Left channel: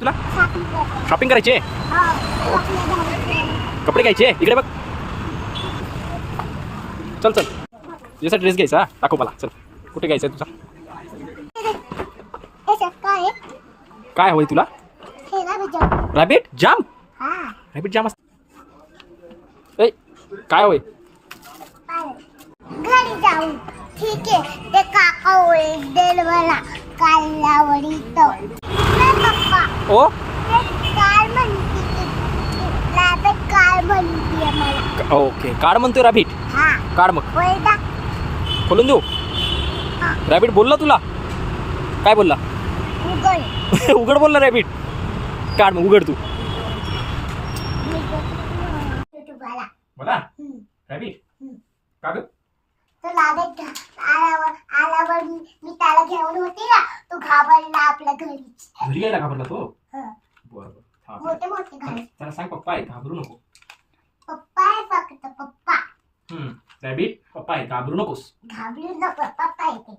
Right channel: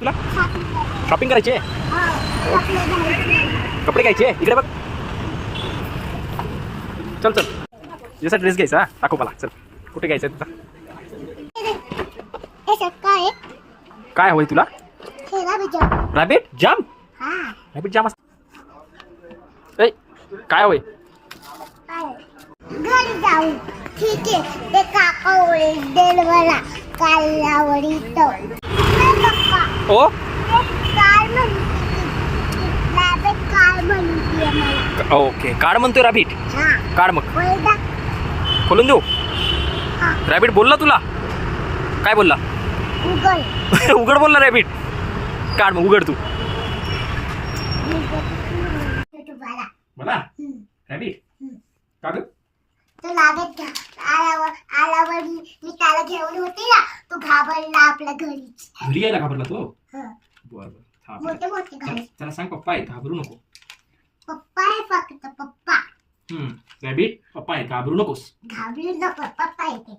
तुला शॉपिंग करायची आहे? कपडे घ्यायचे इकडे बघ. चल चल तुझ्यासाठी ड्रेस घ्यायचा. दाखव मला. चल कुठे घ्यायचा तुझा? काय हवंय तुला? रॅबिट जाम. रॅबिट जाम असत. काय हवंय? घरी जाऊ. ठीक आहे. ते काका ओरडेल मला कालावडी तो. पप्पा ओ काय म्हणते? रॅबिट काय म्हणते मला? ओके कार्ड म्हणतोय रॅबिट. हा कार्ड मग वैदा खोलून देऊ. रॅबिट बोलला तुला? काय बोलला? उघड. उघड बोलला रॅबिट. कार्ड मग उघड तू. तुम्हाला मला रॅबिट का ग? तो लागत आल्यावर मी त्याला घेऊन होते ना, तो घाबरला आपल्या घरी. घरी यायला घाबरला तो? हं. बरोबर. मोठे मोठे घरी. त्याला सांग पप्पा आहे घाबरू नको. पप्पा आहे फक्त पप्पा. रॅबिट पप्पा आहे घाबरू नकोस. घाबरू नको पप्पा येते.